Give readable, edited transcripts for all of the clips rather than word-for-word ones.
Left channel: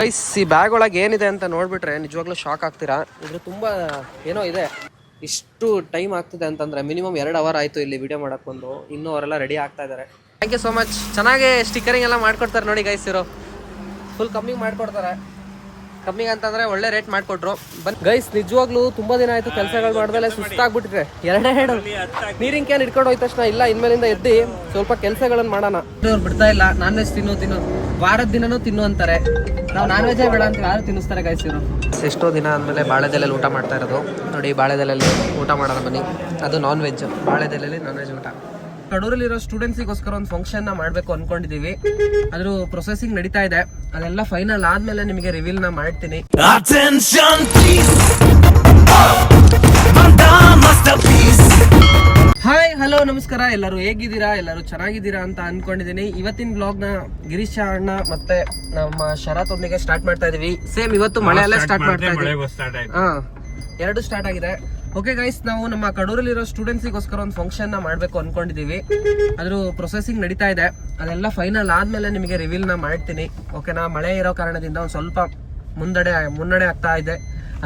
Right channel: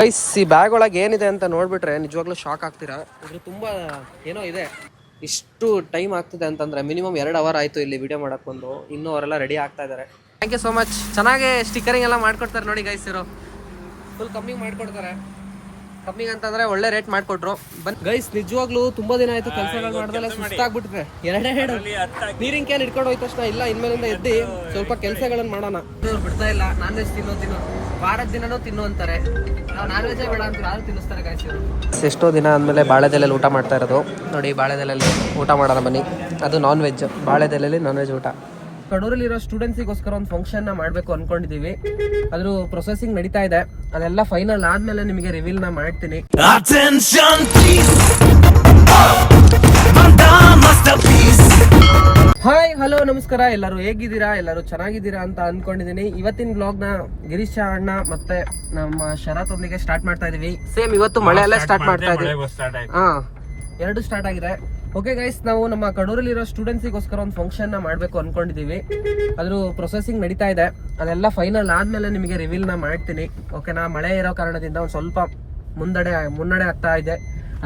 Guys ಈ bag ಒಳಗೆ ಏನಿದೆ ಅಂತ ನೋಡ್ಬಿಟ್ರೆ ನಿಜವಾಗ್ಲೂ ಶಾಕ್ ಆಗ್ತೀರಾ. ಇದು ತುಂಬಾ ಏನೋ ಇದೆ. ಇಷ್ಟು ಟೈಮ್ ಆಗ್ತಿದೆ ಅಂತಂದ್ರೆ ಮಿನಿಮಮ್ 2 ಅವರ್ ಆಯ್ತು ಇಲ್ಲಿ ವಿಡಿಯೋ ಮಾಡಕ್ ಬಂದು. ಇನ್ನೂ ಅವರೆಲ್ಲ ರೆಡಿ ಆಗ್ತಾ ಇದ್ದಾರೆ. Thank you so much. ಚೆನ್ನಾಗಿ ಸ್ಟಿಕ್ಕರಿಂಗ್ ಎಲ್ಲ ಮಾಡ್ಕೊಡ್ತಾರೆ ನೋಡಿ ಗೈಸ್. ಇರೋ ಫುಲ್ ಕಮ್ಮಿಗೆ ಮಾಡ್ಕೊಡ್ತಾರೆ. ಕಮ್ಮಿಗೆ ಅಂತಂದ್ರೆ ಒಳ್ಳೆ ರೇಟ್ ಮಾಡ್ಕೊಟ್ರು. ಬನ್ನಿ ಗೈಸ್, ನಿಜವಾಗ್ಲೂ ತುಂಬಾ ದಿನ ಆಯ್ತು ಕೆಲಸಗಳು ಮಾಡ್ದಲೆ ಸುಸ್ತಾಗ್ಬಿಟ್ಟಿದೆ. ಎರಡೇ ಹೇಳು ನೀರಿನ ಕ್ಯಾನ್ ಇಟ್ಕೊಂಡು ಹೋಯ್ತ ತಕ್ಷಣ ಇಲ್ಲ ಇನ್ಮೇಲಿಂದ ಎದ್ದಿ ಸ್ವಲ್ಪ ಕೆಲಸಗಳನ್ನ ಮಾಡೋಣ. ಅವ್ರು ಬಿಡ್ತಾ ಇಲ್ಲ. ನಾನ್ ವೆಜ್ ತಿನ್ನು ವಾರದ ದಿನನೂ ತಿನ್ನು ಅಂತಾರೆ. ನಾವು ನಾನ್ ವೆಜ್ ಬೇಡ ಅಂತ ಯಾರು ತಿನ್ನಿಸ್ತಾರೆ ಗೈಸ್ ಇವರು. ಎಷ್ಟೋ ದಿನ ಆದ್ಮೇಲೆ ಬಾಳೆದೆಲೆಯಲ್ಲಿ ಊಟ ಮಾಡ್ತಾ ಇರೋದು ನೋಡಿ. ಬಾಳೆದೆಲೆಯಲ್ಲಿ ಊಟ ಮಾಡೋಣ ಬನ್ನಿ. ಅದು ನಾನ್ ವೆಜ್, ಬಾಳೆದೆಲೆಯಲ್ಲಿ ನಾನ್ ವೆಜ್ ಊಟ. ಕಡೂರಲ್ಲಿರೋ ಸ್ಟೂಡೆಂಟ್ಸಿಗೋಸ್ಕರ ಒಂದು ಫಂಕ್ಷನ್ ನ ಮಾಡ್ಬೇಕು ಅನ್ಕೊಂಡಿದೀವಿ. ಅದ್ರ ಪ್ರೊಸೆಸಿಂಗ್ ನಡೀತಾ ಇದೆ. ಅದೆಲ್ಲ ಫೈನಲ್ ಆದ್ಮೇಲೆ ನಿಮಗೆ ರಿವೀಲ್ ನ ಮಾಡ್ತೀನಿ. ಹಾಯ್ ಹಲೋ ನಮಸ್ಕಾರ. ಎಲ್ಲರೂ ಹೇಗಿದ್ದೀರಾ? ಎಲ್ಲರೂ ಚೆನ್ನಾಗಿದ್ದೀರಾ ಅಂತ ಅನ್ಕೊಂಡಿದೀನಿ. ಇವತ್ತಿನ ಬ್ಲಾಗ್ ನ ಗಿರೀಶ್ ಅಣ್ಣ ಮತ್ತೆ ನಮ್ಮ ಶರತ್ ಒಂದಿಗೆ ಸ್ಟಾರ್ಟ್ ಮಾಡ್ತಾ ಇದೀವಿ. ಸೇಮ್ ಇವತ್ತು ಮಳೆ ಎಲ್ಲ ಸ್ಟಾರ್ಟ್ ಮಾಡ್ತಾ ಇದೀವಿ. ಎರಡು ಸ್ಟಾರ್ಟ್ ಆಗಿದೆ. ಓಕೆ ಗೈಸ್, ನಾವು ನಮ್ಮ ಕಡೂರಲ್ಲಿರೋ ಸ್ಟೂಡೆಂಟ್ಸಿಗೋಸ್ಕರ ಒಂದು ಫಂಕ್ಷನ್ ನ ಮಾಡ್ಬೇಕು ಅನ್ಕೊಂಡಿದೀವಿ. ಅದ್ರ ಪ್ರೊಸೆಸಿಂಗ್ ನಡೀತಾ ಇದೆ. ಅದೆಲ್ಲ ಫೈನಲ್ ಆದ್ಮೇಲೆ ನಿಮಗೆ ರಿವೀಲ್ ನ ಮಾಡ್ತೀನಿ. ಓಕೆನಾ? ಮಳೆ ಇರೋ ಕಾರಣದಿಂದ ಒಂದು ಸ್ವಲ್ಪ ಮುನ್ನಡೆ ಆಗ್ತಾ ಇದೆ.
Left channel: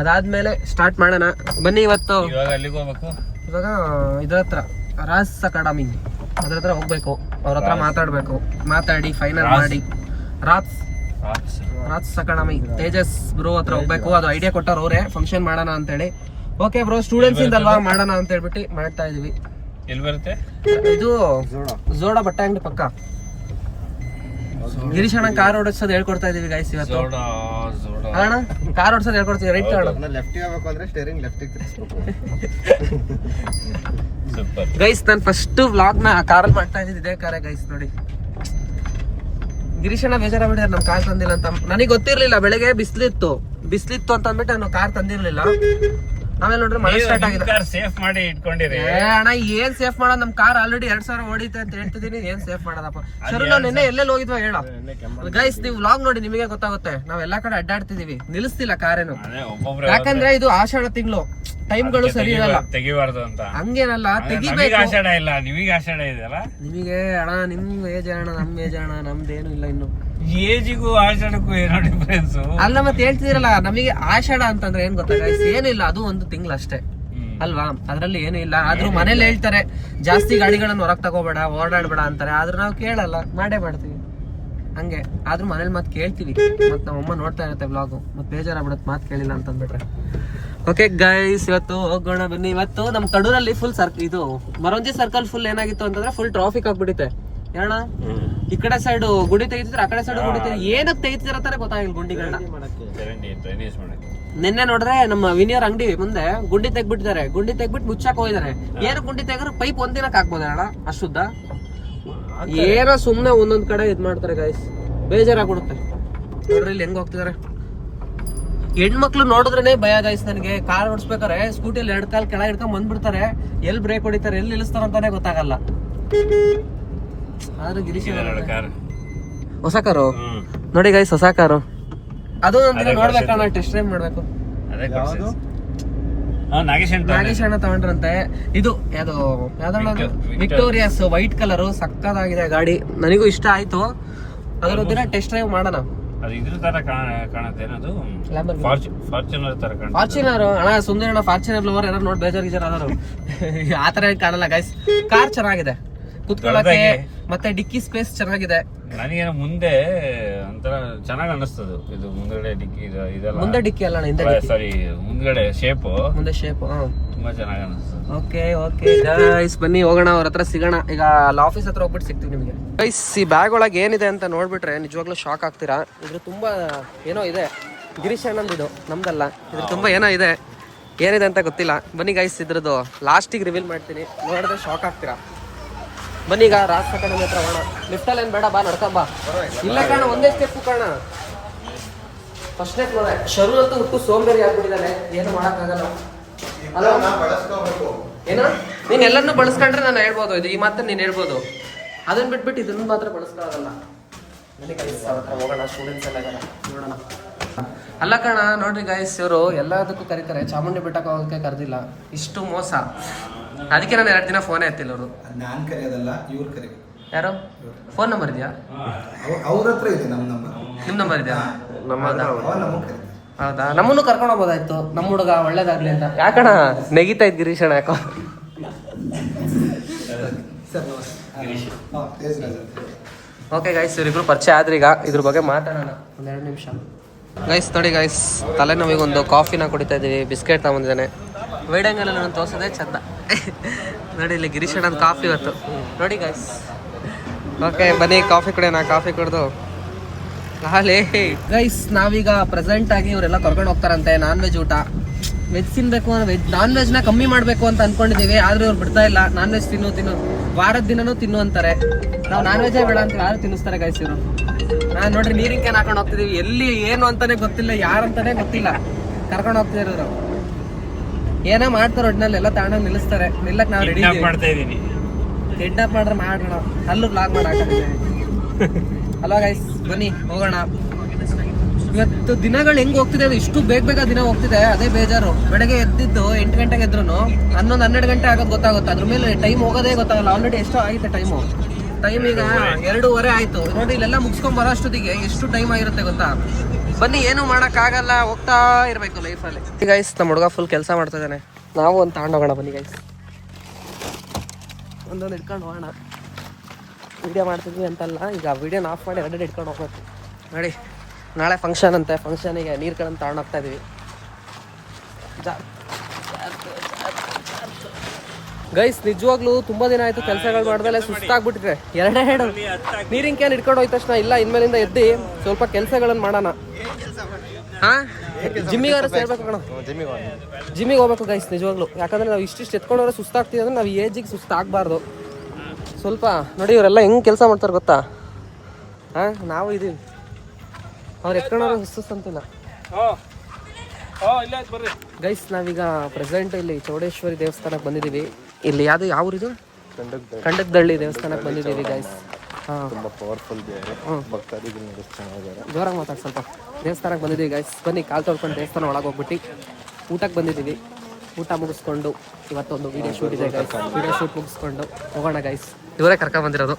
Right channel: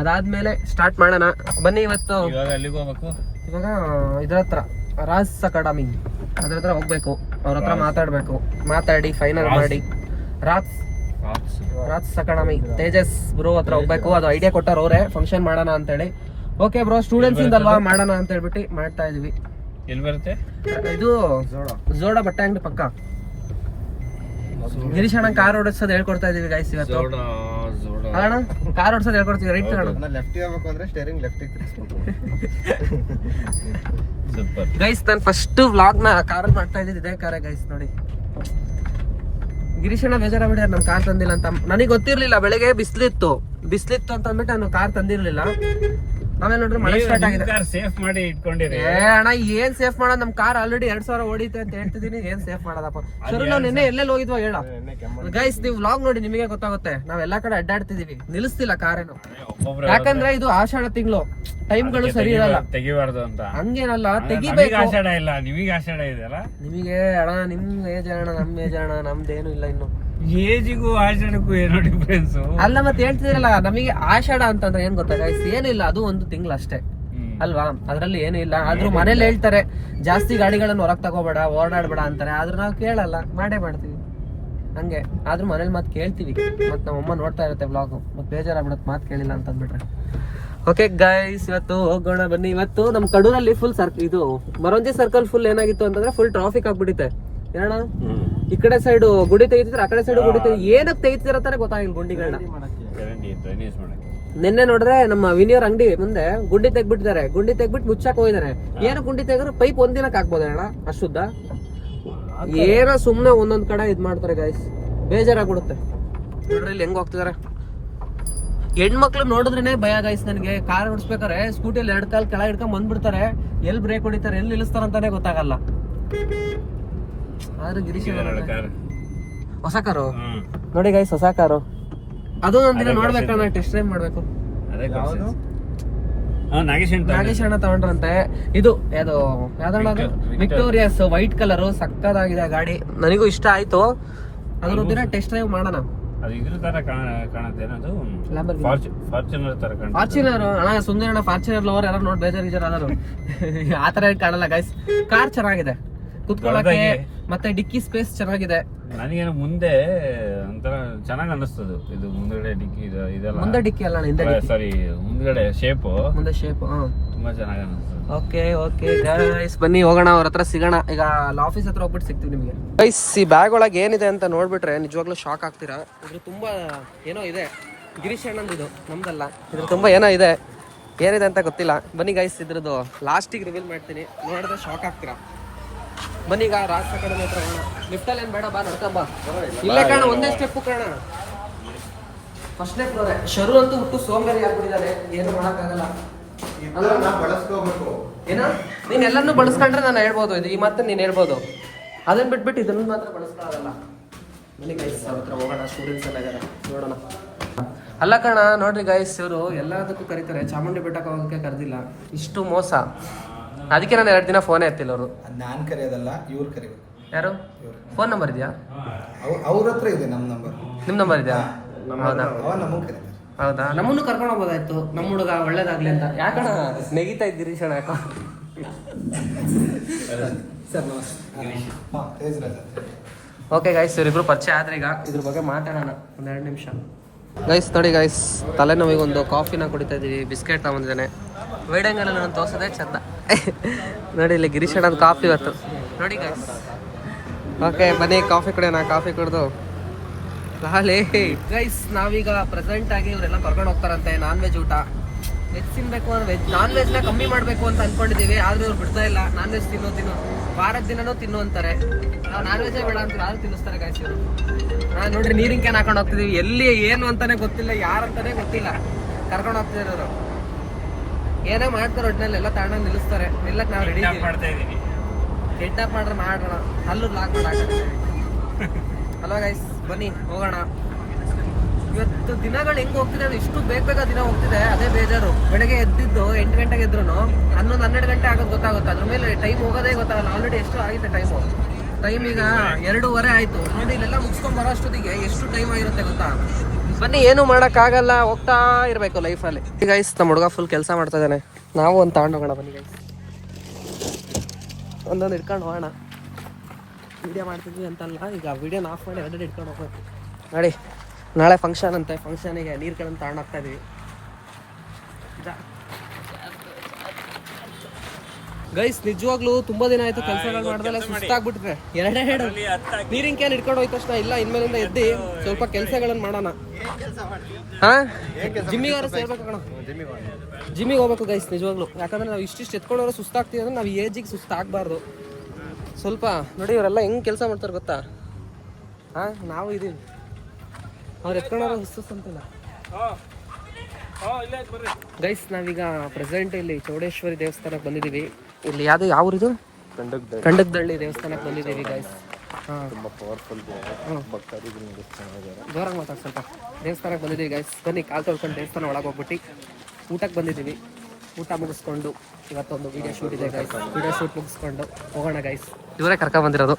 ಅದಾದ್ಮೇಲೆ ಸ್ಟಾರ್ಟ್ ಮಾಡೋಣ ಬನ್ನಿ. ಇವತ್ತು ಇವಾಗ ಇದ್ರ ಹತ್ರ ರಾಜ್ ಅಕಾಡೆಮಿ ಅದ್ರ ಹತ್ರ ಹೋಗ್ಬೇಕು. ಅವ್ರ ಹತ್ರ ಮಾತಾಡಿ ಫೈನಲ್ ಮಾಡಿ ರಾಜ್ ಅಕಾಡೆಮಿ ತೇಜಸ್ ಬ್ರೋ ಹತ್ರ ಹೋಗ್ಬೇಕು. ಅದು ಐಡಿಯಾ ಕೊಟ್ಟವ್ರು ಅವರೇ ಫಂಕ್ಷನ್ ಮಾಡೋಣ ಅಂತೇಳಿ. ಓಕೆ ಬ್ರೋ, ಸ್ಟೂಡೆಂಟ್ಸ್ ಇಂದಲ್ವಾ ಮಾಡೋಣ ಅಂತ ಹೇಳ್ಬಿಟ್ಟು ಮಾಡ್ತಾ ಇದೀವಿ. ಇದು ಜೋಡ ಬಟ್ಟೆ ಅಂಗಡಿ ಪಕ್ಕ. ಗಿರೀಶ್ ಅಣ್ಣ ಕಾರ್ ಓಡಿಸೋದು ಹೇಳ್ಕೊಡ್ತಾ ಇದೀವಿ ಗೈಸ್ ಇವತ್ತು. ಅಣ್ಣ ಕಾರ್ ಓಡಿಸೋದು ಹೇಳ್ಕೊಡ್ತೀವಿ. ರೈಟ್ ಅಣ್ಣ ಗೈಸ್, ನಾನು ಫಸ್ಟ್ ವ್ಲಾಗ್ ನ ಕಾರ್ ಮಾಡ್ತಾ ಇದ್ದಿದ್ದು ಇದೇ ಕಾರೇ ಗೈಸ್. ನೋಡಿ ಗಿರೀಶ್ ಅಣ್ಣ ಬೇಜಾರ ಬಿಡಿ ನಮ್ ಕಾರ್ ತಂದಿಲ್ಲ ಅಂತ. ನನಗೆ ಗೊತ್ತಿರ್ಲಿಲ್ಲ. ಬೆಳಿಗ್ಗೆ ಬಿಸ್ಲಿತ್ತು ಅಂತ ಅಂದ್ಬಿಟ್ಟು ನಾನು ಕಾರ್ ತಂದಿರ್ಲಿಲ್ಲ. ಆಮೇಲೆ ನೋಡ್ರಿ ಮಳೆ ಸ್ಟಾರ್ಟ್ ಆಗಿದೆ. ಅಣ್ಣ ಏನ್ ಸೇಫ್ ಮಾಡೋದು? ನಮ್ ಕಾರ್ ಆಲ್ರೆಡಿ 2000 ಓಡಿತೆ ಅಂತ ಹೇಳ್ತಿದೀನಿ. ಏನ್ ಸೇಫ್ ಮಾಡೋದಪ್ಪ? ಸರಿ, ನಾವು ನಿನ್ನೆ ಎಲ್ಲೆಲ್ಲಿ ಹೋಗಿದ್ವಾ ಹೇಳ ಗೈಸ್. ನೀವು ವ್ಲಾಗ್ ನೋಡಿ ನಿಮಗೆ ಗೊತ್ತಾಗುತ್ತೆ. ನಾವ್ ಎಲ್ಲಾ ಕಡೆ ಅಡ್ಡಾಡ್ತಿದೀವಿ, ನಿಲ್ಲಿಸ್ತಿಲ್ಲ ಕಾರೇನು. ಯಾಕಂದ್ರೆ ಇದು ಆಷಾಢ ತಿಂಗಳು, ಟೈಮ್ಗಳು ಸರಿ ಇರಲ್ಲ. ಹಂಗೇನಲ್ಲ, ತೆಗಿಬೇಕು. ನಿಮಗೆ ಅಣ್ಣ ನಿಮ್ ಏಜ್ ಅಣ್ಣ, ನಮ್ ಏಜ್ ಅಣ್ಣ, ನಮ್ದೇನು ಇಲ್ಲ ಇನ್ನು. ಏಜಿಗೂ ಆಷಾಢಕ್ಕೂ ಏನೋ ಡಿಫರೆನ್ಸ್ ಅಲ್ಲ. ಮತ್ತೆ ಹೇಳ್ತಿದ್ರಲ್ಲ, ನಮಗೆ ಆಷಾಢ ಅಂತಂದ್ರೆ ಏನ್ ಗೊತ್ತಾ ಗೈಸ್? ಏನಿಲ್ಲ, ಅದು ಒಂದು ತಿಂಗಳು ಅಷ್ಟೇ ಅಲ್ವಾ? ಅದ್ರಲ್ಲಿ ಏನೂ ಇಲ್ಲ. ಆದ್ರೂ ಮನೇಲಿ ಹೇಳ್ತಾರೆ ಜಾಸ್ತಿ ಗಾಡಿಗಳನ್ನ ಹೊರಗ್ ತಗೋಬೇಡ, ಓಡಾಡ್ಬೇಡ ಅಂತಾರೆ. ಆದ್ರೂ ನಾವು ಕೇಳಲ್ಲ, ಮಾಡ್ತೀವಿ ಹಂಗೆ. ಆದ್ರೂ ಮನೇಲಿ ಮಾತು ಕೇಳ್ತೀವಿ. ಮತ್ ನಮ್ಮಮ್ಮ ನೋಡ್ತಾ ಇರುತ್ತೆ ಬ್ಲಾಗು, ಮತ್ತೆ ಬೇಜಾರಾಗ್ಬಿಡತ್ ಮಾತು ಕೇಳಿಲ್ಲ ಅಂತ ಅಂದ್ಬಿಟ್ರೆ. ಓಕೆ ಗೈಸ್, ಇವತ್ತು ಹೋಗೋಣ ಬನ್ನಿ. ಇವತ್ತು ನಮ್ ಕಡೂರಲ್ಲಿ ಫುಲ್ ಇದು ಮರಂಜಿ ಸರ್ಕಲ್ ಫುಲ್ ಏನಾಗಿತ್ತು ಅಂತಂದ್ರೆ ಫುಲ್ ಟ್ರಾಫಿಕ್ ಆಗ್ಬಿಟ್ಟಿದೆ. ಏನ ಈ ಕಡೆ ಸೈಡ್ ಗುಡಿ ತೆಗಿತಿದ್ರೆ, ಆ ಕಡೆ ಸೈಡ್ ಗುಡಿ ಏನಕ್ಕೆ ತೆಗಿತಿದಾರ ಅಂತಾನೆ ಗೊತ್ತಾಗಿಲ್ಲ ಗುಂಡಿಗಳನ್ನ. ನಿನ್ನೆ ನೋಡ್ರೆ ನಮ್ಮ ವಿನಿಯರ್ ಅಂಗಡಿ ಮುಂದೆ ಗುಂಡಿ ತೆಗ್ಬಿಟ್ಟಿದ್ದಾರೆ. ಗುಂಡಿ ತೆಗ್ಬಿಟ್ಟು ಮುಚ್ಚಾಕ್ ಹೋಗಿದ್ದಾರೆ. ಏನು ಗುಂಡಿ ತೆಗ್ರ ಪೈಪ್ ಒಂದಿನಕ್ಕೆ ಹಾಕ್ಬೋದ ಅಣ್ಣ ಅಷ್ಟುದ್ದ? ಏನೋ ಸುಮ್ನೆ ಒಂದೊಂದ್ ಕಡೆ ಇದ್ ಮಾಡ್ತಾರೆ ಗೈಸ್, ಬೇಜಾರಾಗ್ಬಿಡುತ್ತೆ. ನೋಡ್ರಿ ಇಲ್ಲಿ ಹೆಂಗ್ ಹೋಗ್ತಿದಾರ ಹೆಣ್ಮಕ್ಳು ನೋಡಿದ್ರೇನೆ ಭಯ ಗೈಸ್ ನನಗೆ. ಕಾರ್ ಓಡಿಸ್ಬೇಕಾರೆ ಸ್ಕೂಟಿಯಲ್ಲಿ 2 ಕಾಲ್ ಕೆಳ ಹಿಡ್ಕೊಂಡ್ ಬಂದ್ಬಿಡ್ತಾರೆ. ಎಲ್ಲಿ ಬ್ರೇಕ್ ಹೊಡಿತಾರೆ, ಎಲ್ಲಿ ನಿಲ್ಲಿಸ್ತಾರ ಅಂತಾನೆ ಗೊತ್ತಾಗಲ್ಲ. ಆದ್ರೂ ಗಿರೀಶ್ ಹೊಸ ಕಾರು ನೋಡಿ ಗೈಸ್, ಹೊಸ ಕಾರು. ಅದು ನಮ್ದಿನ ನೋಡ್ಬೇಕಣ್ಣ, ಟೆಸ್ಟ್ ಡ್ರೈವ್ ಮಾಡ್ಬೇಕು. ನಾಗೇಶ್ ಅಣ್ಣ ತಗೊಂಡ್ರಂತೆ. ಇದು ಯಾವ್ದಣ್ಣ ಅದು? ವಿಕ್ಟೋರಿಯಾಸ್ ವೈಟ್ ಕಲರ್, ಸಕ್ಕದಾಗಿದೆ ಗಾಡಿ. ನನಗೂ ಇಷ್ಟ ಆಯ್ತು. ಅದರೊಂದಿನ ಟೆಸ್ಟ್ ಡ್ರೈವ್ ಮಾಡೋಣ. ಫಾರ್ಚುನರ್ ಅಣ್ಣ, ಸುಂದರ ಅಣ್ಣ ಫಾರ್ಚುನರ್ ಲವರ್. ಯಾರು ನೋಡಿ ಬೇಜಾರ್ ಆದರು. ಆತರ ಕಾಣಲ್ಲ ಗೈಸ್. ಕಾರ್ ಚೆನ್ನಾಗಿದೆ, ಕುತ್ಕೊಳ್ಳಕ್ಕೆ ಮತ್ತೆ ಡಿಕ್ಕಿ ಸ್ಪೇಸ್ ಚೆನ್ನಾಗಿದೆ. ನನಗೆ ಮುಂದೆ ಒಂಥರ ಚೆನ್ನಾಗಿ ಅನ್ನಿಸ್ತದೆ. ಇದು ಮುಂದೆ ಡಿಕ್ಕಿ, ಮುಂದೆ ಡಿಕ್ಕಿ ಅಲ್ಲ ಹಿಂದೆ, ಸಾರಿ ಮುಂದ್ಗಡೆ ಶೇಪ್, ಮುಂದೆ ಶೇಪ್ ತುಂಬಾ ಚೆನ್ನಾಗಿ ಅನ್ನಿಸ್ತದೆ. ಓಕೆ ಗೈಸ್, ಬನ್ನಿ ಹೋಗೋಣ, ಅವ್ರ ಹತ್ರ ಸಿಗೋಣ. ಈಗ ಆಫೀಸ್ ಹತ್ರ ಹೋಗ್ಬಿಟ್ಟು ಸಿಗ್ತೀವಿ ನಿಮಗೆ. ಗೈಸ್, ಈ ಬ್ಯಾಗ್ ಒಳಗೆ ಏನಿದೆ ಅಂತ ನೋಡ್ಬಿಟ್ರೆ ನಿಜವಾಗ್ಲೂ ಶಾಕ್ ಆಗ್ತೀರಾ. ಇದ್ರ ತುಂಬಾ ಏನೋ ಇದೆ. ಗಿರೀಶ್ ಅಣ್ಣಂದು, ಇದು ನಮ್ದಲ್ಲ. ಇದ್ರ ತುಂಬಾ ಏನೋ ಇದೆ. ಏನಿದೆ ಅಂತ ಗೊತ್ತಿಲ್ಲ. ಬನ್ನಿ ಗೈಸ್, ಇದ್ರದ್ದು ಲಾಸ್ಟಿಗೆ ರಿವೀಲ್ ಮಾಡ್ತೀನಿ. ನೋಡಿದ್ರೆ ಶಾಕ್ ಆಗ್ತೀರಾ. ಬನ್ನಿ ಈಗ ರಾಜ್ ಅಕಾಡೆಮಿ ಹತ್ರ ಹೋಗೋಣ. ಲಿಫ್ಟಲ್ಲಿ ಏನ್ ಬೇಡ, ಬಾ ನಡ್ಕೊಂಬ. ಇಲ್ಲೇ ಕಾಣ, ಒಂದೇ ಸ್ಟೆಪ್ ಕಾಣ. ಫಸ್ಟ್ ಶರು ಅಂತೂ ಹುಟ್ಟು ಸೋಂಬೇರಿ ಆಗ್ಬಿಟ್ಟಿದ್ದಾನೆ. ಏನು ಮಾಡಕ್ಕಾಗಲ್ಲ. ನೀನ್ ಎಲ್ಲರನ್ನೂ ಬಳಸ್ಕೊಂಡ್ರೆ ನಾನು ಹೇಳ್ಬೋದು, ಇದು ಈ ಮಾತ್ರ ನೀನ್ ಹೇಳ್ಬೋದು. ಅದನ್ನ ಬಿಟ್ಬಿಟ್ಟು ಇದನ್ನು ಮಾತ್ರ ಬಳಸ್ಕಾಗಲ್ಲ. ಬನ್ನಿ ಗೈಸ್, ಅವ್ರ ಹತ್ರ ಹೋಗೋಣ. ಸ್ಟೂಡೆಂಟ್ಸ್ ಎಲ್ಲ ಇದ್ದಾರೆ, ನೋಡೋಣ. ಅಲ್ಲ ಕಣ, ನೋಡ್ರಿ ಗೈಸ್, ಇವರು ಎಲ್ಲದಕ್ಕೂ ಕರೀತಾರೆ, ಚಾಮುಂಡಿ ಬೆಟ್ಟಕ್ಕೆ ಹೋಗೋಕೆ ಕರೆದಿಲ್ಲ. ಇಷ್ಟು ಮೋಸ. ಅದಕ್ಕೆ ನಾನು 2 ದಿನ ಫೋನೇ ಎತ್ತಿಲ್ಲ. ಅವರು ನಾನು ಕರೆಯೋದಲ್ಲ, ಇವ್ರು ಕರಿಬೇಕು. ಯಾರು? ಫೋನ್ ನಂಬರ್ ಇದೆಯಾ ಅವ್ರ ಹತ್ರ? ಇದೆ ನಮ್ಮ ನಂಬರ್. ನಿಮ್ಮ ನಂಬರ್ ಇದೆಯಾ? ಹೌದಾ ಹೌದಾ ನಮ್ಮನ್ನು ಕರ್ಕೊಂಡು ಹೋಗೋದಾಯ್ತು, ನಮ್ಮ ಹುಡುಗ ಒಳ್ಳೇದಾಗ್ಲಿ ಅಂತ. ಯಾಕಣ ನೆಗಿತಾ ಇದ್ ಗಿರೀಶ್ ಅಣ್ಣ ಯಾಕೋ? ಓಕೆ ಗೈಸ್, ಇವರಿಬ್ರು ಪರಿಚಯ ಆದ್ರಿ. ಈಗ ಇದ್ರ ಬಗ್ಗೆ ಮಾತಾಡೋಣ ಒಂದೆರಡು ನಿಮಿಷ. ಗೈಸ್ ನೋಡಿ ಗೈಸ್, ತಲೆನೋವಿಗೊಂದು ಕಾಫಿನ ಕುಡಿತಾ ಇದೀವಿ, ಬಿಸ್ಕೆಟ್ ತಗೊಂಡಿದ್ದಾನೆ. ವೈಡಂಗಲ್ಲ ನಾನು ತೋರ್ಸೋದೇ ಚಂದ. ನೋಡಿ ಇಲ್ಲಿ ಗಿರೀಶ್ ಅಣ್ಣ ಕಾಫಿ ಇವತ್ತು ನೋಡಿ ಗೈಸ್. ಓಕೆ ಬನ್ನಿ ಕಾಫಿ ಕುಡಿಯೋಣ. ಕಾಫಿ ಕುಡ್ದು ಗೈಸ್ ನಾವೀಗ ಪ್ರೆಸೆಂಟ್ ಆಗಿ ಇವರೆಲ್ಲ ಕರ್ಕೊಂಡು ಹೋಗ್ತಾರಂತೆ ನಾನ್ ವೆಜ್ ಊಟ. ವೆಜ್ ತಿನ್ಬೇಕು ಅಂದ್ರೆ ನಾನ್ ವೆಜ್ ನ ಕಮ್ಮಿ ಮಾಡ್ಬೇಕು ಅಂತ ಅನ್ಕೊಂಡಿದೀವಿ, ಆದ್ರೆ ಇವ್ರು ಬಿಡ್ತಾ ಇಲ್ಲ. ನಾನ್ ವೆಜ್ ತಿನ್ನು ವಾರದ ದಿನನೂ ತಿನ್ನು ಅಂತಾರೆ. ನಾವು ನಾನ್ ವೆಜ್ ಬೇಡ ಅಂತ ಯಾರು ತಿನ್ನಿಸ್ತಾರೆ ಗೈಸ್ ಇವರು. ನೋಡ್ರಿ ನೀರಿನ ಕ್ಯಾನ್ ಹಾಕೊಂಡು ಹೋಗ್ತಿದೀವಿ, ಎಲ್ಲಿ ಏನು ಅಂತಾನೆ ಗೊತ್ತಿಲ್ಲ, ಯಾರಂತಾನೆ ಗೊತ್ತಿಲ್ಲ. ಕರ್ಕೊಂಡು ಹೋಗ್ತಿದಾರೆ ಇವರು, ಏನೋ ಮಾಡ್ತಾರೆ ಒಟ್ಟಿನಲ್ಲಿ ಎಲ್ಲ ತಗೊಂಡಾಗ ನಿಲ್ಲಿಸ್ತಾರೆ. ನಿಲ್ಲಕ್ ನಾವು ರೆಡಿ ಇದೀವಿ. ಕಿಡ್ನಾಪ್ ಮಾಡ್ರೆ ಮಾಡೋಣ, ಅಲ್ಲೂ ಬ್ಲಾಗ್ ಮಾಡಾಕಿದ್ದೀವಿ. ಅಲ್ವಾ ಗೈಸ್, ಬನ್ನಿ ಹೋಗೋಣ. ಇವತ್ತು ದಿನಗಳು ಹೆಂಗ್ ಹೋಗ್ತಿದೆ, ಇಷ್ಟು ಬೇಗ ದಿನ ಹೋಗ್ತಿದೆ, ಅದೇ ಬೇಜಾರು. ಬೆಳಗ್ಗೆ ಎದ್ದಿದ್ದು 8 ಗಂಟೆಗೆ ಎದ್ರು 11-12 ಗಂಟೆ ಆಗೋದು ಗೊತ್ತಾಗುತ್ತೆ. ಅದ್ರ ಮೇಲೆ ಟೈಮ್ ಹೋಗೋದೇ ಗೊತ್ತಾಗಲ್ಲ. ಆಲ್ರೆಡಿ ಎಷ್ಟೋ ಆಗಿದೆ ಟೈಮ್ ಈಗ 2:15 ಆಯ್ತು. ನೋಡಿ ಇಲ್ಲೆಲ್ಲ ಮುಗಿಸ್ಕೊಂಡ್ ಬರೋಷ್ಟೊತ್ತಿಗೆ ಎಷ್ಟು ಟೈಮ್ ಆಗಿರುತ್ತೆ ಗೊತ್ತಾ. ಬನ್ನಿ, ಏನು ಮಾಡಕ್ ಆಗಲ್ಲ, ಹೋಗ್ತಾ ಇರ್ಬೇಕು ಲೈಫಲ್ಲಿ. ಗೈಸ್ ನಮ್ಮ ಹುಡುಗ ಫುಲ್ ಕೆಲಸ ಮಾಡ್ತಾ ಇದ್ದಾನೆ. ನಾವು ಒಂದು ತಗೊಂಡು ಹೋಗೋಣ ಬನ್ನಿ ಗೈಸ್, ಒಂದೊಂದು ಇಟ್ಕೊಂಡು ಹೋಗೋಣ. ವಿಡಿಯೋ ಮಾಡ್ತಿದ್ವಿ ಅಂತಲ್ಲ, ಈಗ ವಿಡಿಯೋನ ಆಫ್ ಮಾಡಿ ಎರಡೆರಡು ಇಟ್ಕೊಂಡು ಹೋಗ್ಬೇಕು. ನೋಡಿ ನಾಳೆ ಫಂಕ್ಷನ್ ಅಂತೆ, ಫಂಕ್ಷನಿಗೆ ನೀರುಗಳನ್ನು ತಗೊಂಡು ಹೋಗ್ತಾ ಇದೀವಿ. ಗೈಸ್ ನಿಜವಾಗ್ಲೂ ತುಂಬಾ ದಿನ ಆಯ್ತು ಕೆಲಸಗಳು ಮಾಡಿದ್ಮೇಲೆ ಸುಸ್ತಾಗ್ಬಿಟ್ಟಿದೆ. ಎರಡೆರಡು ನೀರಿನ ಕ್ಯಾನ್ ಇಟ್ಕೊಂಡು ಹೋಯ್ತ ತಕ್ಷಣ ಇಲ್ಲ, ಇನ್ಮೇಲಿಂದ ಎದ್ದು ಸ್ವಲ್ಪ ಕೆಲಸಗಳನ್ನು ಮಾಡೋಣ. ಹಾ ಜಿಮ್ಮಿಗಾರ ಸೇರ್ಬೇಕು ಕಣ, ಜಿಮ್ಮಿಗೆ ಹೋಗ್ಬೇಕು ಗೈಸ್ ನಿಜವಾಗ್ಲು. ಯಾಕಂದ್ರೆ ನಾವು ಇಷ್ಟಿಷ್ಟು ಎತ್ಕೊಂಡವ್ರೆ ಸುಸ್ತಾಗ್ತೀವಿ ಅಂದ್ರೆ ನಾವು ಏಜಿಗೆ ಸುಸ್ತಾಗಬಾರ್ದು. ಸ್ವಲ್ಪ ನೋಡಿ ಇವರೆಲ್ಲ ಹೆಂಗ್ ಕೆಲಸ ಮಾಡ್ತಾರೆ ಗೊತ್ತಾ. ಹಾ ನಾವು ಇದೀವಿ, ಅವ್ರು ಎತ್ಕೊಂಡವ್ರೆ ಸುಸ್ತಂತಿಲ್ಲ. ಗೈಸ್ ನಾವೀಗ ಪ್ರೆಸೆಂಟ್ ಇಲ್ಲಿ ಚೌಡೇಶ್ವರಿ ದೇವಸ್ಥಾನಕ್ಕೆ ಬಂದಿದ್ದೀವಿ. ಇಲ್ಲಿ ಯಾವ ಊರಿದು? ಕಂಡಕ್ದಳ್ಳಿ ದೇವಸ್ಥಾನಕ್ಕೆ ಬಂದಿದ್ದೀವಿ ಗೈಸ್. ಜೋರಾಗಿ ಮಾತಾಡಿ ಸ್ವಲ್ಪ. ದೇವಸ್ಥಾನಕ್ಕೆ ಬಂದಿದ್ದೀವಿ ಗೈಸ್. ಬನ್ನಿ ಕಾಲು ತೊಳ್ಕೊಂಡು ದೇವಸ್ಥಾನ ಒಳಗೆ ಹೋಗ್ಬಿಟ್ಟು ಊಟಕ್ಕೆ ಬಂದಿದ್ದೀವಿ. ಊಟ ಮುಗಿಸ್ಕೊಂಡು ಇವತ್ತೊಂದು ವಿಡಿಯೋ ಶೂಟ್ ಇದೆ ಗೈಸ್. ವಿಡಿಯೋ ಶೂಟ್ ಮುಗಿಸ್ಕೊಂಡು ಹೋಗೋಣ ಗೈಸ್. ಇವರೇ ಕರ್ಕೊಂಡು ಬಂದಿರೋದು,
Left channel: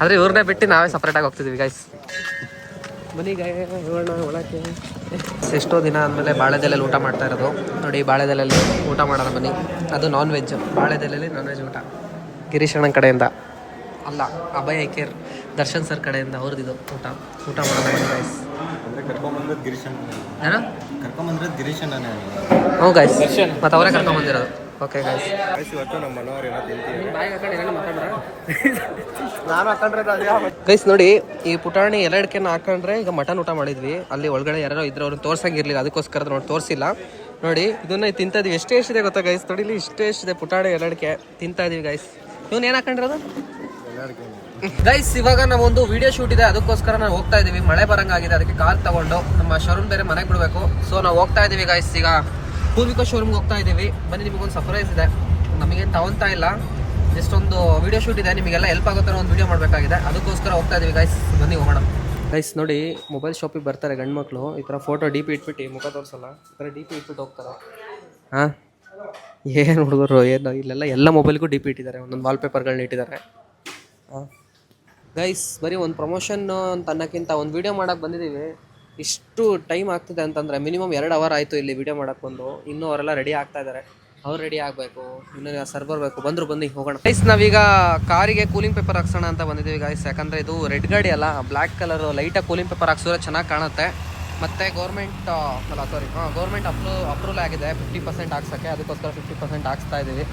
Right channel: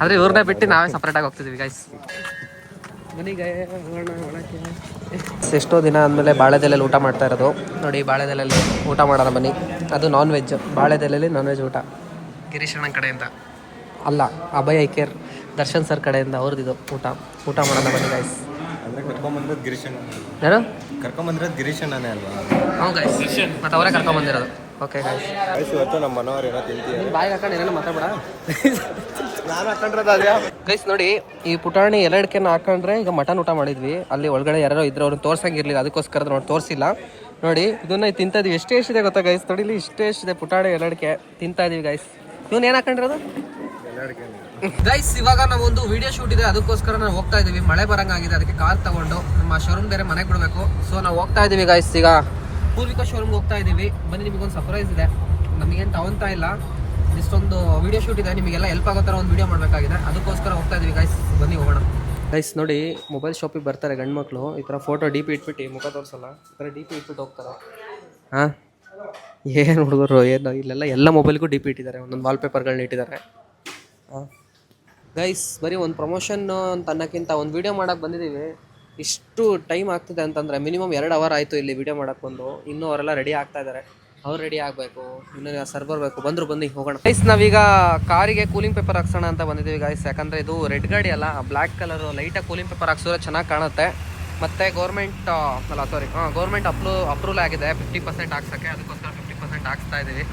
ಆದರೆ ಇವ್ರನ್ನೇ ಬಿಟ್ಟು ನಾವೇ ಸಪ್ರೇಟಾಗಿ ಹೋಗ್ತಿದ್ದೀವಿ ಗೈಸ್. ಬನ್ನಿ ಹೋಗೋಣ ಒಳಕ್ಕೆ. ಎಷ್ಟೋ ದಿನ ಆದಮೇಲೆ ಬಾಳೆದೆಲೆಯಲ್ಲಿ ಊಟ ಮಾಡ್ತಾ ಇರೋದು. ನೋಡಿ ಬಾಳೆದೆಲೆಯಲ್ಲಿ ಊಟ ಮಾಡೋಣ ಬನ್ನಿ. ಅದು ನಾನ್ ವೆಜ್, ಬಾಳೆದೆಲೆಯಲ್ಲಿ ನಾನ್ ವೆಜ್ ಊಟ. ಗಿರೀಶ್ ಅಣ್ಣನ ಕಡೆಯಿಂದ ಅಲ್ಲ, ಅಭಯ್ ಐಕೇರ್ ದರ್ಶನ್ ಸರ್ ಕಡೆಯಿಂದ ಅವ್ರದ್ದು ಊಟ ಮಾಡೋಣ ಬನ್ನಿ ಗೈಸ್. ಯಾರು ಕರ್ಕೊಂಬಂದ್ರೆ ಗಿರೀಶ್ ಅಣ್ಣನೇ ಅಲ್ವಾ? ಹ್ಞೂ ಗೈಸ್, ಮತ್ತು ಅವರೇ ಕರ್ಕೊಂಬಂದಿರೋದು. ಓಕೆ ಗೈಸ್, ಇವತ್ತು ನಮ್ಮ ಮನೋರು ಏನೋ ತಿಂತೀವಿ. ಬಾಯಿ ಹಾಕೊಂಡು ಏನೇನು ಮಾತಾಡ್ಬೇಡ. ನಾನು ಹಾಕೊಂಡ್ರದ ಗೈಸ್ ನೋಡಿ, ಈ ಪುಟಾಣಿ ಎಲ್ಲಡ್ಕೆನ ಹಾಕೊಂಡ್ರೆ ಈಗ ಮಟನ್ ಊಟ ಮಾಡಿದ್ವಿ. ಅಲ್ಲಿ ಒಳಗಡೆ ಯಾರೋ ಇದ್ರು, ಅವ್ರನ್ನ ತೋರ್ಸಂಗಿರ್ಲಿಲ್ಲ, ಅದಕ್ಕೋಸ್ಕರ ನೋಡಿ ತೋರಿಸಿಲ್ಲ. ನೋಡಿ ಇದನ್ನ ತಿಂತಾ ಇದೀವಿ. ಎಷ್ಟೇ ಗೊತ್ತಾ ಗೈಸ್, ನೋಡಿ ಇಲ್ಲಿ ಇಷ್ಟೇ ಪುಟಾಣಿ ಎಲ್ಲಡ್ಕೆ ತಿಂತಾ ಇದೀವಿ ಗೈಸ್. ಇವನ್ ಏನ್ ಹಾಕೊಂಡಿರೋದು ಗೈಸ್? ಇವಾಗ ನಾವೊಂದು ವಿಡಿಯೋ ಶೂಟ್ ಇದೆ, ಅದಕ್ಕೋಸ್ಕರ ನಾವು ಹೋಗ್ತಾ ಇದೀವಿ. ಮಳೆ ಬರಂಗಾಗಿದೆ, ಅದಕ್ಕೆ ಕಾರ್ ತಗೊಂಡು ನಮ್ಮ ಶೋರೂಮ್ ಬೇರೆ ಮನೆಗೆ ಬಿಡಬೇಕು. ಸೊ ನಾವು ಹೋಗ್ತಾ ಇದೀವಿ ಗೈಸ್. ಈಗ ಪೂರ್ವಿಕಾ ಶೋರೂಮ್ಗೆ ಹೋಗ್ತಾ ಇದೀವಿ. ಬನ್ನಿ, ನಿಮಗೊಂದು ಸರ್ಪ್ರೈಸ್ ಇದೆ. ನಮಗೇನು ತಗೊಂತಾ ಇಲ್ಲ, ಜಸ್ಟ್ ಒಂದು ವಿಡಿಯೋ ಶೂಟ್ ಇದೆ, ನಿಮಗೆಲ್ಲ ಹೆಲ್ಪ್ ಆಗೋ ಥರ ಒಂದು ವಿಡಿಯೋ ಮಾಡಬೇಕಾಗಿದೆ, ಅದಕ್ಕೋಸ್ಕರ ಹೋಗ್ತಾ ಇದೀವಿ ಗೈಸ್. ಬನ್ನಿ ಹೋಗೋಣ ಗೈಸ್. ನೋಡಿ ಮೊಬೈಲ್ ಶಾಪಿಗೆ ಬರ್ತಾರೆ ಗಂಡು ಮಕ್ಕಳು, ಈ ಥರ ಫೋಟೋ DP ಇಟ್ಬಿಟ್ಟು ಮುಖ ತೋರಿಸಲ್ಲ, ಈ ಥರ DP ಇಟ್ಬಿಟ್ಟು ಹೋಗ್ತಾರೆ. ಹಾಂ ಏನು ಹುಡುಗರು ಏನು, ಇಲ್ಲೆಲ್ಲ ಎಲ್ಲ ಮೊಬೈಲ್ಗೂ DP ಇಟ್ಟಿದ್ದಾರೆ, ಒಂದೊಂದು ವಾಲ್ಪೇಪರ್ಗಳನ್ನ ಇಟ್ಟಿದ್ದಾರೆ. ಹಾಂ ಗೈಸ್, ಬರೀ ಒಂದು ಪ್ರಮೋಷನ್ ಅಂತ ಅನ್ನೋಕ್ಕಿಂತ ಒಂದು ವೀಡಿಯೋ ಮಾಡೋಕ್ಕೆ ಬಂದಿದ್ದೀವಿ. ಇಷ್ಟು ಟೈಮ್ ಆಗ್ತಿದೆ ಅಂತಂದರೆ ಮಿನಿಮಮ್ 2 ಅವರ್ ಆಯಿತು ಇಲ್ಲಿ ವೀಡಿಯೋ ಮಾಡೋಕ್ಕೆ ಬಂದು. ಇನ್ನೂ ಅವರೆಲ್ಲ ರೆಡಿ ಆಗ್ತಾ ಇದ್ದಾರೆ, ಅವ್ರು ರೆಡಿ ಆಗಬೇಕು, ಇನ್ನೂ ಸರ್ವರ್ ಬೇಕು. ಬನ್ನಿ ಹೋಗೋಣ ಗೈಸ್. ನಾವೀಗ ಕಾರಿಗೆ ಕೂಲಿಂಗ್ ಪೇಪರ್ ಹಾಕ್ಸೋಣ ಅಂತ ಬಂದಿದ್ದೀವಿ ಗೈಸ್. ಯಾಕಂದರೆ ಇದು ರೆಡ್ ಗಾಡಿ ಅಲ್ಲ, ಬ್ಲ್ಯಾಕ್ ಕಲರು ಲೈಟಾಗಿ ಕೂಲಿಂಗ್ ಪೇಪರ್ ಹಾಕ್ಸಿದ್ರೆ ಚೆನ್ನಾಗಿ ಕಾಣುತ್ತೆ. ಮತ್ತು ಗೌರ್ಮೆಂಟ್ ಅಪ್ರೂವಲ್ ಆಗಿದೆ 50% ಹಾಕ್ಸೋಕ್ಕೆ, ಅದಕ್ಕೋಸ್ಕರ 50% ಹಾಕ್ಸ್ತಾ ಇದ್ದೀವಿ.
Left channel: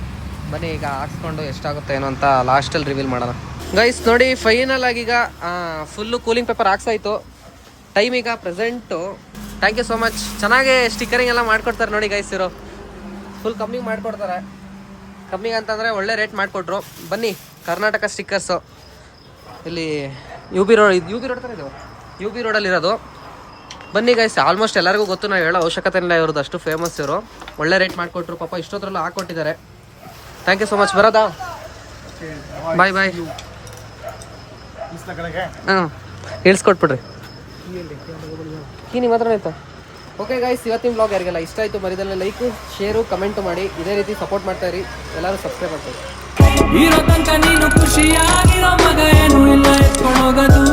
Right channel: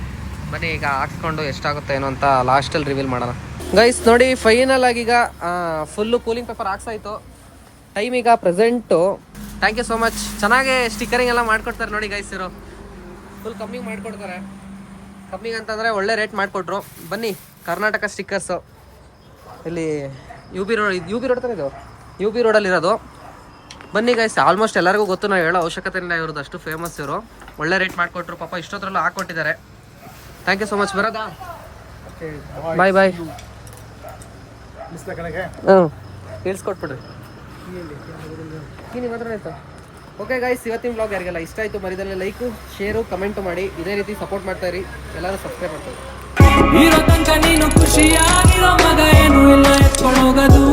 ಬನ್ನಿ ಈಗ ಹಾಕ್ಸ್ಕೊಂಡು ಎಷ್ಟಾಗುತ್ತೆ ಏನೋ ಅಂತ ಲಾಸ್ಟಲ್ಲಿ ರಿವೀಲ್ ಮಾಡೋಣ ಗೈಸ್. ನೋಡಿ ಫೈನಲ್ ಆಗಿ ಈಗ ಫುಲ್ಲು ಕೂಲಿಂಗ್ ಪೇಪರ್ ಹಾಕ್ಸಾಯ್ತು. ಟೈಮ್ ಈಗ present. Thank you so much. ಚೆನ್ನಾಗಿ ಸ್ಟಿಕ್ಕರಿಂಗ್ ಎಲ್ಲ ಮಾಡ್ಕೊಡ್ತಾರೆ ನೋಡಿ ಗೈಸ್. ಇರೋ ಫುಲ್ ಕಮ್ಮಿಗೆ ಮಾಡಿಕೊಡ್ತಾರೆ. ಕಮ್ಮಿಗೆ ಅಂತಂದರೆ ಒಳ್ಳೆ ರೇಟ್ ಮಾಡಿಕೊಟ್ರು. ಬನ್ನಿ, ಕರ್ನಾಟಕ ಸ್ಟಿಕ್ಕರ್ಸು ಇಲ್ಲಿ UB ರೋಡ್ ಥರ ಇದು, UB ರೋಡಲ್ಲಿರೋದು. ಬನ್ನಿ ಗೈಸ್, ಆಲ್ಮೋಸ್ಟ್ ಎಲ್ಲರಿಗೂ ಗೊತ್ತು, ನಾವು ಹೇಳೋ ಅವಶ್ಯಕತೆ ಇಲ್ಲ ಇವ್ರದ್ದು, ಅಷ್ಟು ಫೇಮಸ್ ಇವರು. ಒಳ್ಳೆ ರೇಟ್ ಮಾಡಿಕೊಟ್ರು ಪಾಪ, ಇಷ್ಟೊತ್ತರಲ್ಲೂ ಹಾಕ್ಕೊಟ್ಟಿದ್ದಾರೆ. Thank you so much. ಬರೋದಾ? ಬಾಯ್. ಹ್ಞೂ ಇಳಿಸ್ಕೊಟ್ಬಿಡ್ರಿ. ನಿಮ್ಮ ಹತ್ರ ಆಯಿತು. ಓಕೆ ಗೈಸ್, ಇವತ್ತಿನ ಬ್ಲಾಗ್ ಯಾರಿಗೆಲ್ಲ ಇಷ್ಟ ಆಯಿತು ಮರಿದಲ್ಲೇ ಲೈಕು, ಶೇರು, ಕಮೆಂಟು ಮಾಡಿ. ಇದೇ ರೀತಿ ಸಪೋರ್ಟ್ ಮಾಡ್ತಾ ಇರಿ. ಎಲ್ಲರೂ ಸಬ್ಸ್ಕ್ರೈಬ್ ಮಾಡ್ತಾರೆ. ಇರೋ ತನಕ ನೀನು ಖುಷಿಯಾಗಿರೋ ಮಗ ಏನು ಇಲ್ಲ ಎತ್ಕೊಂಡೋಗೋದು.